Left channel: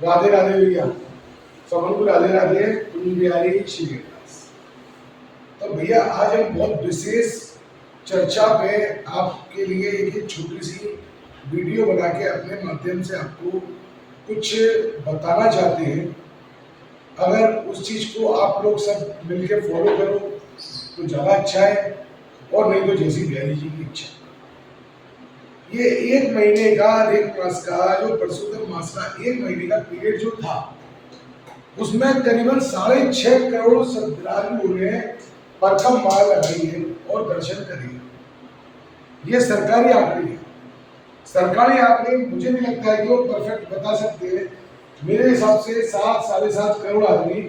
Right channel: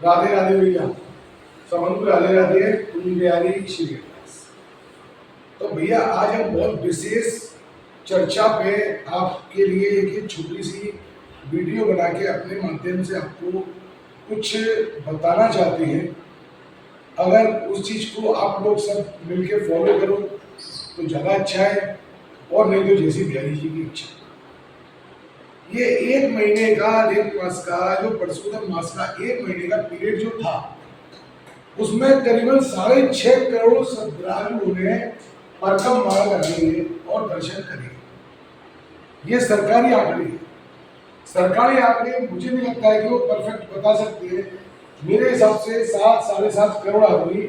राधे राधे भैया, सबको राधे राधे। कुंज बिहारी श्रीनिवास। तो भैया आज हम बहुत विशेष चर्चा पे आपके लिए एक छोटी सी वीडियो बना के अपने माध्यम से आपको कुछ बताना चाहते हैं। अगर उस चीज को आप लोग सब मिलके फॉलो करो तो ज़्यादा अच्छा है, और नहीं तो जैसी बिहारी जी की इच्छा। ये एक महीने का, एक मास का, जो परशुराम मास का एक महीने का पीरियड जो था, उसमें करीबन 6.5 करोड़ श्रद्धालुओं ने परकम माला लगाई है और दर्शन करे। ये सरकारी आंकड़े हैं। सरकारी आंकड़े मुझे नहीं लगता है कि वो परफेक्ट बता सकते हैं। मेरे हिसाब से 7-7.5 करोड़ आदमी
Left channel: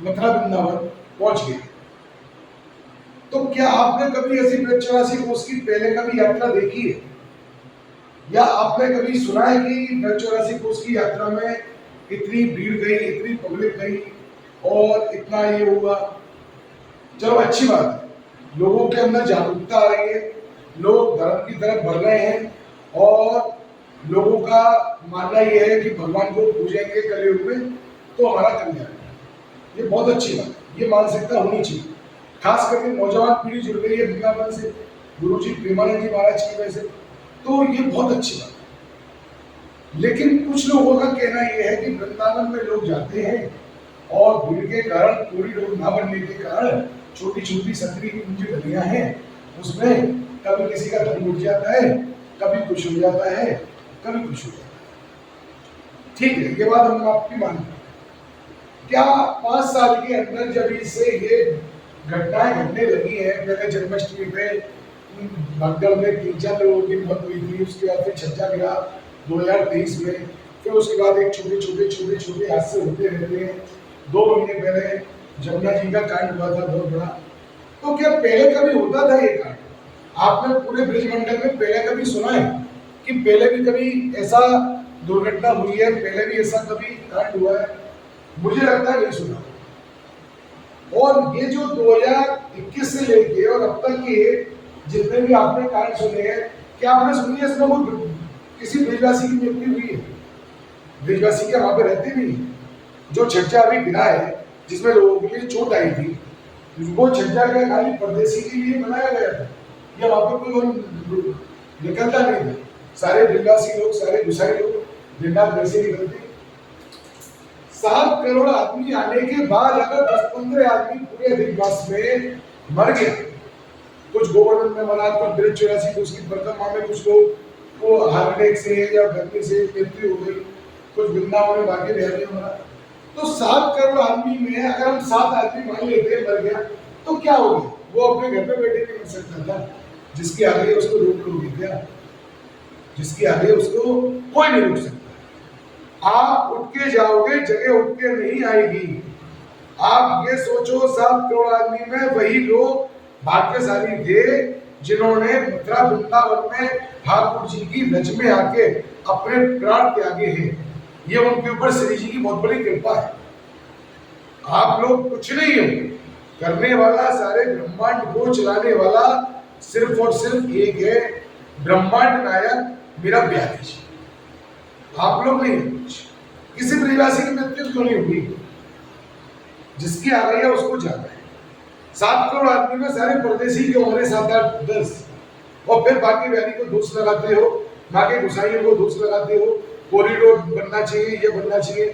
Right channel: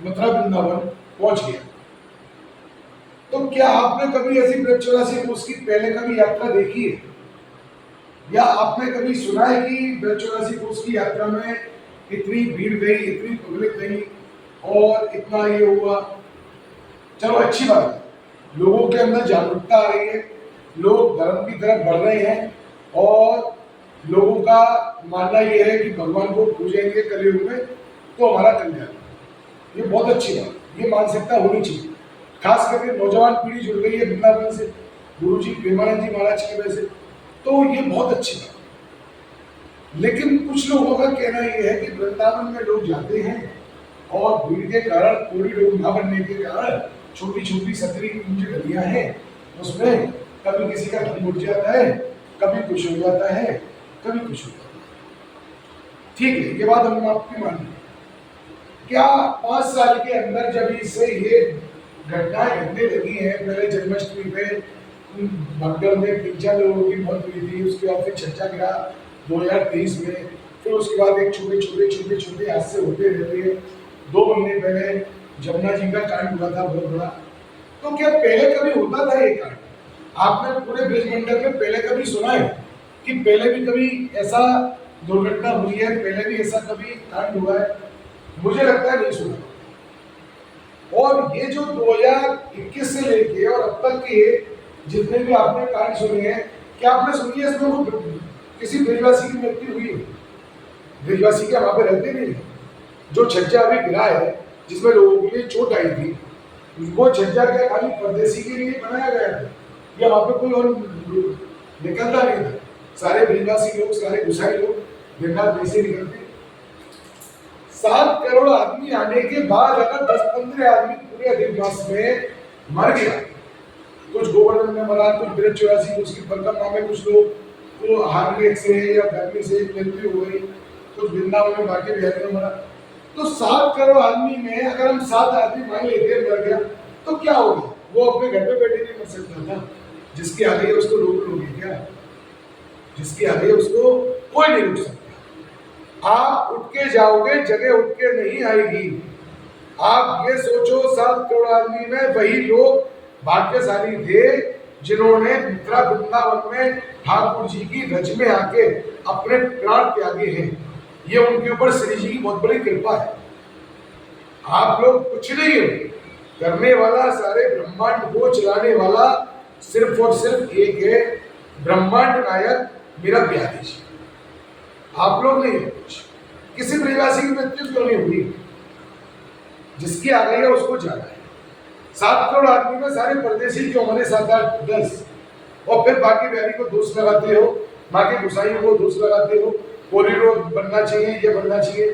मथुरा वृंदावन पहुंच गए। तो क्या आपने कभी ऐसी ब्रजचौरासी कोस की पहले कभी यात्रा देखी है, या आपने कभी सुना है कि ब्रजचौरासी कोस की यात्रा में इतनी भीड़ गई, इतनी पब्लिक गई और इतना ये हुआ? चलो अच्छी बात है, लोगों के अंदर जागरूकता आ रही है, लोग धर्म की तरफ बढ़ रहे हैं, और लोगों का मानना ये है कि भगवान को पूजेंगे कलयुग में तो हमारा कल्याण। ये बहुत अच्छी बात, ये मानसिकता होनी चाहिए। खास करके नौजवान पीढ़ी जुड़ गई है वृंदावन से, गुरु जी प्रेमानंद जी महाराज की वजह से, तो ये बहुत अच्छी बात है। लेकिन कुछ लोगों का कहना यह है कि वृंदावन में लोग जाते हैं और भीड़ के कारण, कॉरिडोर ना बनने के कारण, छोटी छोटी सतरी कुंज गलियां हैं, उसमें कभी किसी का दम उठ जाता है, कभी कुछ हो जाता है, कभी कुछ हो जाता है। ठीक है, ये बात हम आपकी मान लें। क्या 5 साल के अंदर जब इससे ये घटनाएं घटने लगी हैं, पहले जन्माष्टमी पे भगदड़ में 3-4 लोगों की मौत हुई थी, उसके बाद फिर छज्जा गिरा 2023 में, फिर उसके बाद एक छोटे हादसे होते रहते हैं। 2 महीने पहले जमुना जी का कांड हुआ था बहुत बड़ा। तो क्या पहले कभी होता था ये कांड? आपने पूरे ब्रिज मंडल में पहले कभी सुना है कि पहले भी कभी ऐसा दुर्घटना हुई है, पहले भी ऐसा कभी कांड हुआ है? मुझे लगता है नहीं सुना। और ये जो 2021 से लेके और अब तक के जितने भी आपने कांड सुने हैं, क्या आपने सुनी है इसमें वो किसी ब्रिजवासी की मृत्यु हुई है? ब्रिजवासी के वहां पे रहते नहीं। जो छज्जा अभी गिरा है, जिसमें लोगों के लिए चोट आई थी, वो छज्जा क्या खाली परदेसी के लिए बनाया गया था, या वहां पे कोई और निकलता नहीं था? सारे ब्रिजवासी लोग, सारे गुसाई लोग दिन रात वैसे निकलते। 7 करोड़ आदमी आने के बाद अगर 10-15 आदमी पूरे अधिक मास में मर गया, कुछ गोवर्धन में मरा, कुछ ब्रजचौरासी को उसकी परिक्रमा में कुछ लोग को हार्ट अटैक से या गर्मी से मृत्यु हो गई, कुछ वृंदावन में बाकी बिहारी में मरा, तो 7 करोड़ आदमी में अगर हम 7 आदमी मान लेते मर गया तो क्या हो गया? वो अपने घर पे बैठे नहीं मर सकता था? जिसकी आ गई उसको रोक लोगे क्या? जिसकी आ गई उसको कोई नहीं रोक सकता। आप उठ के जाओगे, जगह उठ के नहीं आएगी। आप ये सोचो, 7 करोड़ आदमी में वही लोग भाग्यशाली थे जिन्होंने मथुरा वृंदावन में ठाकुर जी की रज में आके अपने प्राण त्यागे हैं। ये उनके ऊपर श्री जी की बहुत बड़ी कृपा है। आप लोग कुछ नहीं हो, करने वाला, सारे ब्रह्मांड को चलाने वाला सिर्फ और सिर्फ एक है, ब्रह्मांड नायक मेरा बिहारी जी। आप लोग नहीं है कुछ। किसी ब्रिजवासी की मृत्यु क्यों नहीं हुई? जिसकी आ गई है उसको जाना है। 7 करोड़ आदमी में सारे परदेसी क्यों मरे? 7-8-10, और फिर बाकी बिहारी को दोष लगाते हो, बाकी गुसाइयों को दोष लगाते हो, कॉरिडोर बनना चाहिए, ये बनना चाहिए।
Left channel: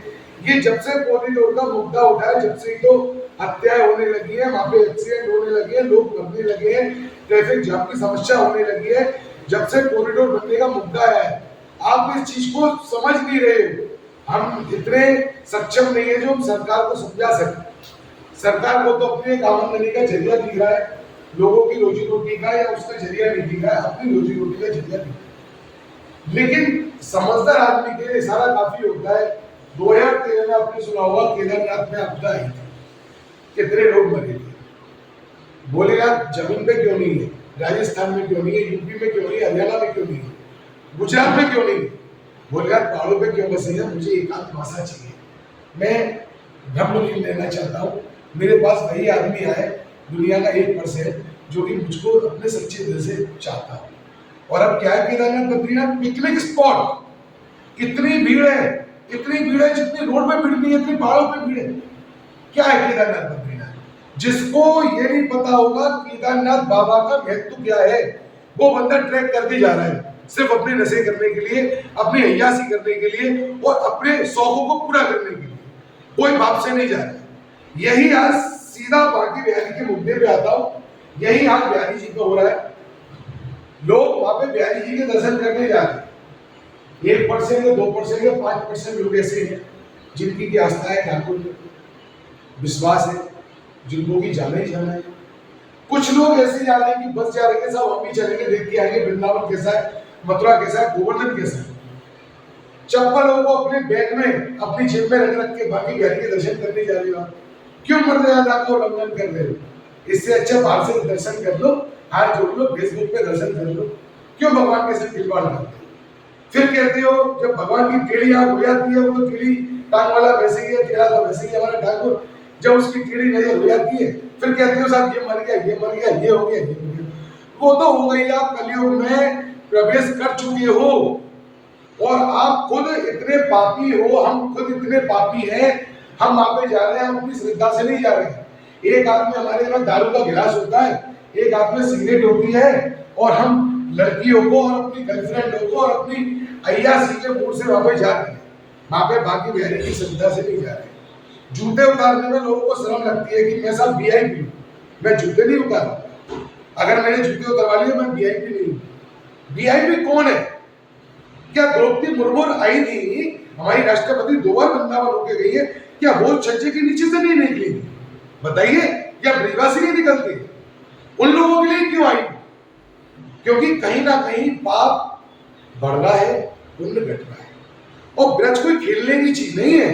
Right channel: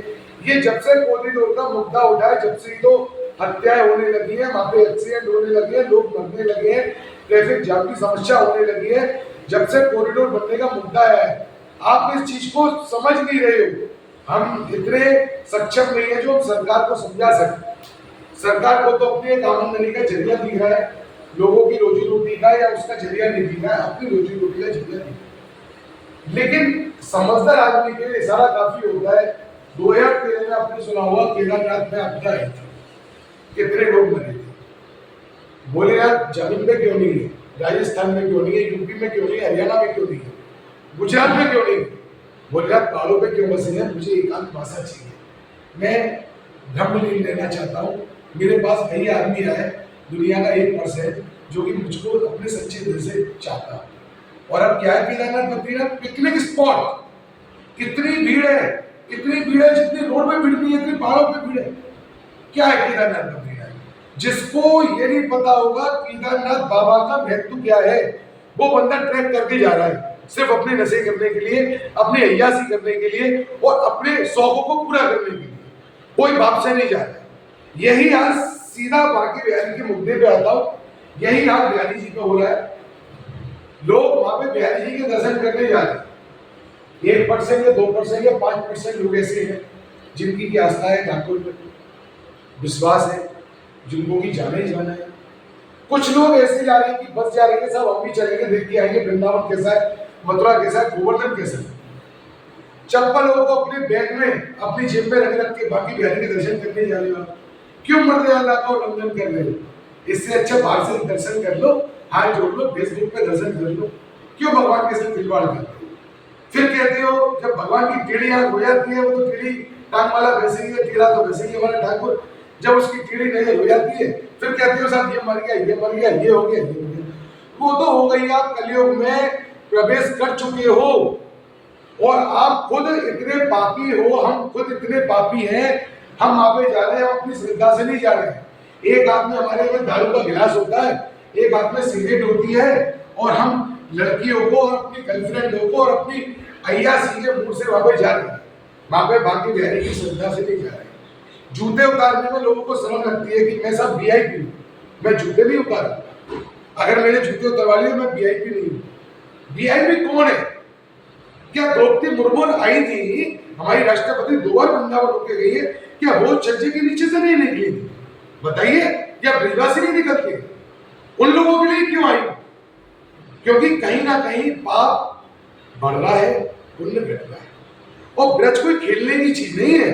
ये जब से कॉरिडोर का मुद्दा उठा है, जब से तो हत्याएं होने लगी है, वहां पे एक्सीडेंट होने लगे हैं, लोग मरने लगे हैं, ट्रैफिक जाम की समस्या होने लगी है, जब से कॉरिडोर बनने का मुद्दा आया है। आप इस चीज को समझ नहीं रहे हो। हम इतने सक्षम नहीं है जो हम सरकार को समझा सकते। सरकार को तो अपने एक आमदनी का जरिया दिख रहा है, लोगों की रोजी रोटी का या उसका जरिया नहीं दिख रहा है, अपनी रोजी रोटी का जरिया दिख रहा है। लेकिन समझदार आदमी के लिए इशारा काफी होता है। 2013 में आपने सुना होगा केदारनाथ में आपदा आई थी, कितने लोग मरे थे। बोले यार जमीन पे क्यों नहीं है, राजस्थान में क्यों नहीं है, यूपी में क्यों नहीं है, हरियाणा में क्यों नहीं है, गुजरात में क्यों नहीं है? बोले यार पहाड़ों पे क्यों बसे हैं, मुझे एकांत भाषा चाहिए, मैं ब्रह्मलीन रहना चाहता हूँ। मेरे पास वही आदमी आए, दुनिया का 1% जो कि मुझको अपने सच्चे दिल से चाहता हूँ। और अब क्या है, केदारनाथ बद्रीनाथ पिकनिक स्पॉट, इतनी भीड़ है, इतनी भीड़ है जितनी रोड पे भीड़ नहीं है, इतनी पहाड़ों पे भीड़ है। क्या है केदारनाथ बद्रीनाथ? जिसको ये नहीं पता होगा केदारनाथ बाबा का महत्व क्या है, वो बंदा ट्रैक करके जा रहा है सिर्फ अपने नशे करने के लिए, अपनी अय्यासी करने के लिए और अपने शौकों को पूरा करने के लिए, कोई बाप से नहीं जा रहा है। यही आज सीधा बांके बिहारी के मुद्दे पे आता हूं। यही आज बिहारी जी का हो रहा है। लोग वहां पे बिहारी जी के दर्शन करने जा रहे हैं। 1% या 2% या 5% लोग ऐसे हैं जिनकी की आस्था है, ठाकुर में विश्वास है, जिनको की जाना ही जाना है। कुछ लोग ऐसे जा रहे हैं कि बस जा रही है, सब हम भी चलेंगे, देख के आएंगे वृंदावन कैसा है, मथुरा कैसा है, गोवर्धन कैसा है। चप्पलों को अपने बैग में अपनी जेब में रख रख के बाकी बिहारी के दर्शन करने जा रहे हो। क्यों मर्यादा का उल्लंघन कर रहे हो? इससे अच्छा बाहर से दर्शन कर लो, हाथ जोड़ लो, फेसबुक पे दर्शन कर लो। क्यों भगवान के साथ खिलवाड़ करते हो? फिर कहते हो जब भगवान की टेढ़ी आंख हो जाती है, वो तो टेढ़ी टांग वाला वैसे ही है, टेढ़ा तो वैसे ही हमारा ठाकुर। जब उसकी टेढ़ी नजर हो जाती है फिर कहते हो साहब ये मर गया, ये मर गया, ये हो गया, ये हो गया। वो तो हो गई, आप कलयुग में प्रवेश कर चुके हो और आप खुद इतने पापी हो, हम खुद इतने पापी हैं। हम वहां पे जा रहे हैं, हम अपनी श्रद्धा से नहीं जा रहे हैं। एक हाथ में हमारे में दारू का गिलास होता है, एक हाथ में सिगरेट होती है, और हम लड़कियों को और अपनी गर्लफ्रेंडों को और अपनी अय्यासी के मूड से वहां पे जा रहे हैं। वहां पे बाकी बिहारी की श्रद्धा से नहीं जा रहे हैं। जूते उतारने में लोगों को शर्म लगती है कि मैं साहब वीआईपी हूं, मैं जूते नहीं उतारूंगा। अगर मैंने जूते उतरवा लिए मैं वीआईपी नहीं हूं। वीआईपी कौन है? क्या द्रौपदी मुर्मू आई थी, हमारी राष्ट्रपति 2 बार वृंदावन होके गई है, क्या वो छज्जे के नीचे से नहीं निकली थी? बताइए, क्या ब्रिजवासी नहीं निकलते? उन लोगों के लिए क्यों आई? क्योंकि कहीं ना कहीं पाप बढ़ रहा है, पुण्य घट रहा है। और ब्रज कोई खेलने की चीज नहीं है,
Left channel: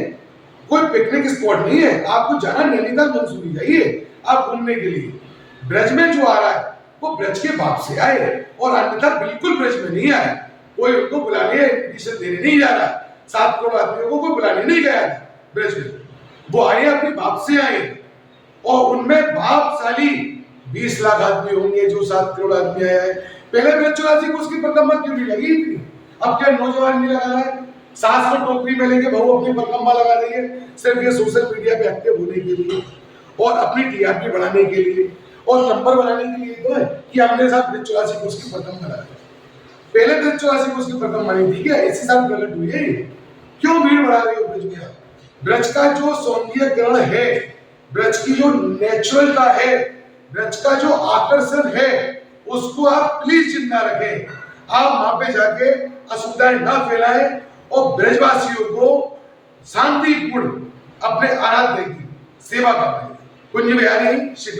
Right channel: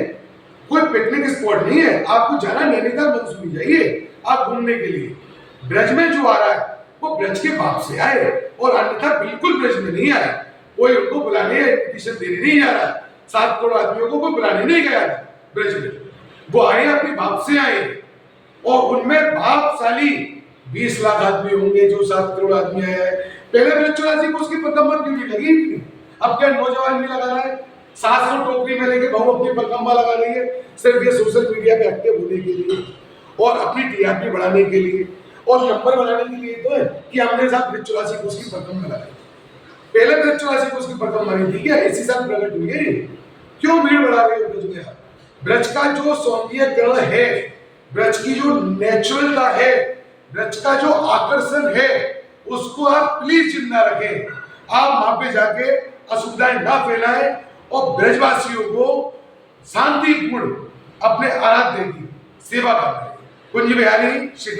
कोई पिकनिक स्पॉट नहीं है। आपको जाना नैनीताल मंसूरी जाइए आप घूमने के लिए। ब्रज में जो आ रहा है वो ब्रज के बाप से आए और अन्यथा बिल्कुल ब्रज में नहीं आए। कोई उनको बुलाने या इन्विटेशन देने नहीं जा रहा है। 7 करोड़ आदमियों को कोई बुलाने नहीं गया ब्रज में, वो आए अपने बाप से आए। और उनमें भावशाली 20 लाख आदमी होंगे जो 7 करोड़ आदमी आया है। पहले ब्रज 84 को उसकी परिक्रमा क्यों नहीं लगी इतनी? अब क्या नौजवान नहीं लगा रहा है? सास को टोकरी में लेके बहू अपनी परिक्रमा लगा रही है, सिर्फ ये सोशल मीडिया पे एक्टिव होने के लिए और अपनी टीआरपी बढ़ाने के लिए और नंबर बनाने के लिए तो है कि हमने साहब ब्रज 84 को उसकी परिक्रमा लगाई। पहले ब्रज 84 को उसकी परिक्रमा नहीं थी क्या? इसी साल प्रकट हुई है। क्यों भीड़ बढ़ा रहे हो ब्रज में आप? ब्रज का जो सौंदर्यकरण है, ब्रज की जो नेचुरलता है, ब्रज का जो आकर्षण है, उसको आप प्लीज जिंदा रखें। आप वहां पे जाके असुविधाएं ना फैलाएं और ब्रजवासियों को शांतिपूर्ण अपने आराध्य की सेवा कर रहे हैं। कुंज बिहारी श्री